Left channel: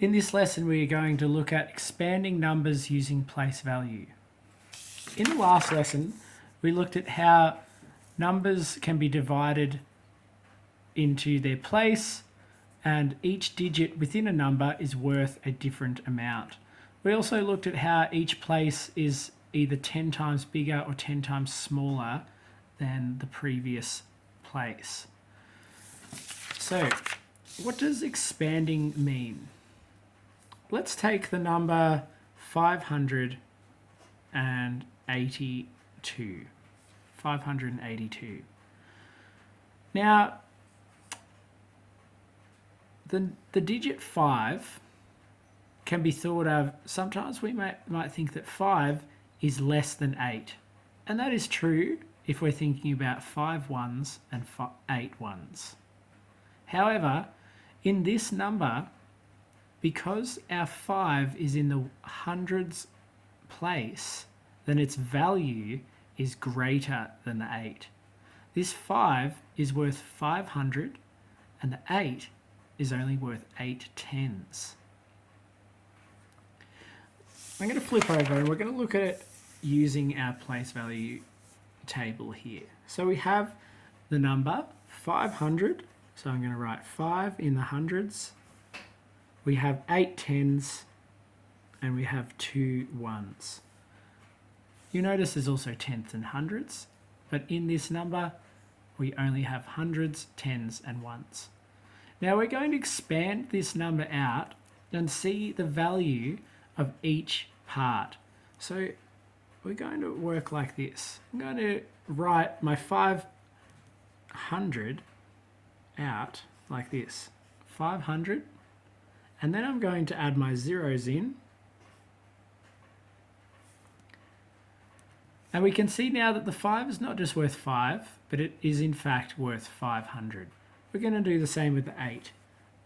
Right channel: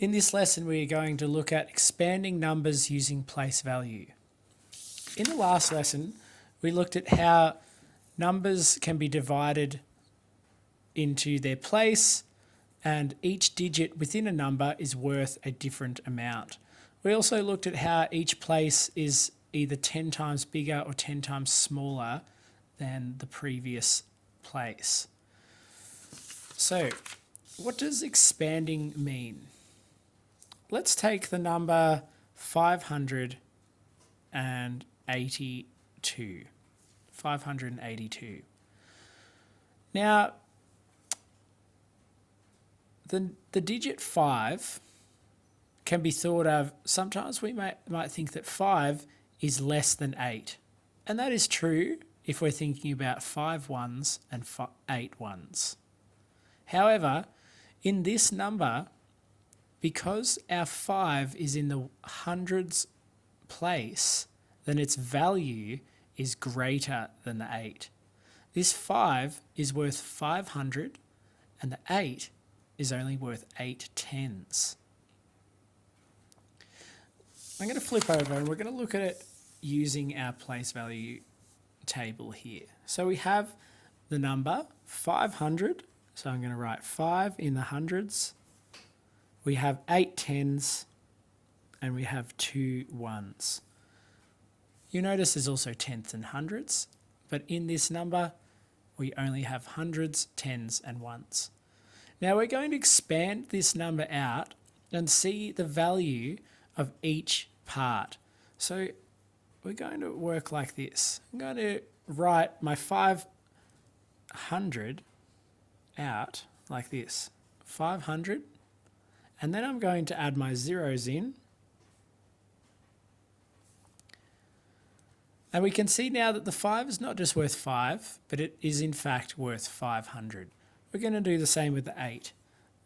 In this lesson, we are going to look at expanding numbers using place value. In the last lesson, we looked at how numbers can be divided into their place, and each digit within a number is worth a different amount. We also looked at how each place is either 10 times bigger or 10 times smaller than the previous place. So, what does expanding mean? Let's take the number 582. 582. Now, the digit 5 can be thought of, sometimes we might think that 5 is less than 8. And that is true if we're thinking about 5 ones and 8 ones. However, in this number, because our 5 is in the hundreds place, then its value is greater than the 8. This 5 is worth 500 and the 8 is only worth 8 tens. I'm going to flip over and we're going to look at it using our place value table here. So we have the number 500, so I'm going to write 5 in the hundreds. We have 8 tens and we have 2 ones. You notice there's also tenths and hundreds, but in this number we only have hundreds, tens and ones. Now we're going to expand this number out and see the value of each part. So we're going to work like this. I'm going to write my 500 out like this. 500, and then I'm going to add my zeros in. And we can see now that the 5 is not just worth 5, but it is in fact worth 500. We're going to do the same with the 8.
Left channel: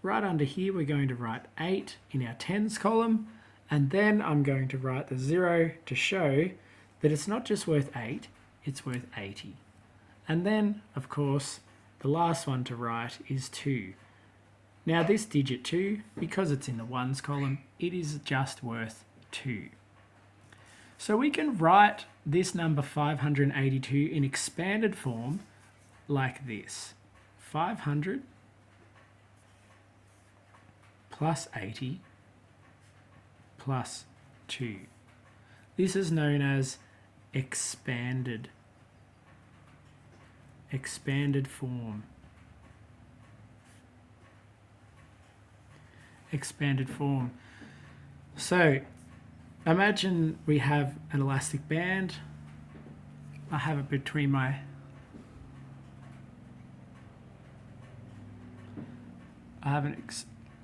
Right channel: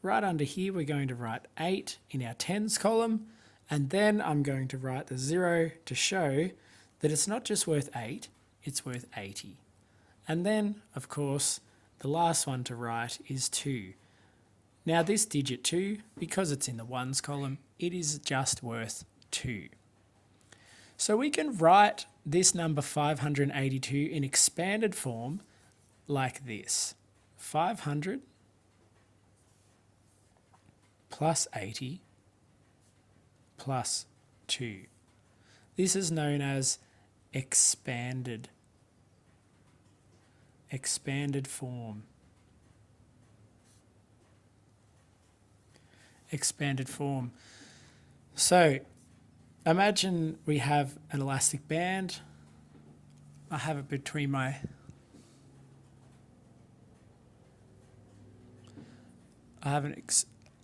Right under here, we're going to write 8 in our tens column, and then I'm going to write the 0 to show that it's not just worth 8, it's worth 80. And then, of course, the last one to write is 2. Now this digit 2, because it's in the ones column, it is just worth 2. So we can write this number 582 in expanded form like this. 500 plus 80 plus 2. This is known as expanded form. Expanded form. So imagine we have an elastic band. I have it between my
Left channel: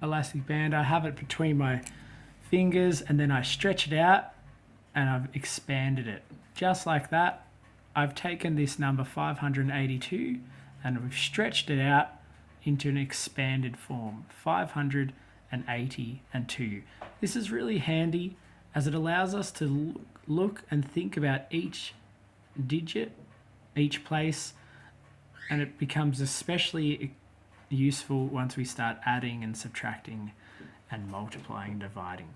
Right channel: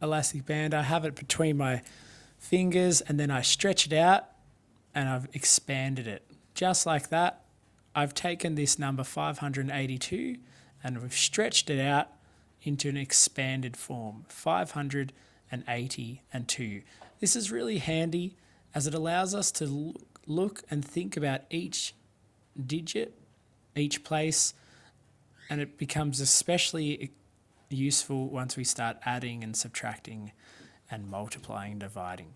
elastic band. I have it between my fingers, and then I stretch it out and I've expanded it. Just like that, I've taken this number 582 and we've stretched it out into an expanded form, 582. This is really handy as it allows us to look and think about each digit, each place, and it becomes especially useful once we start adding and subtracting and multiplying and dividing.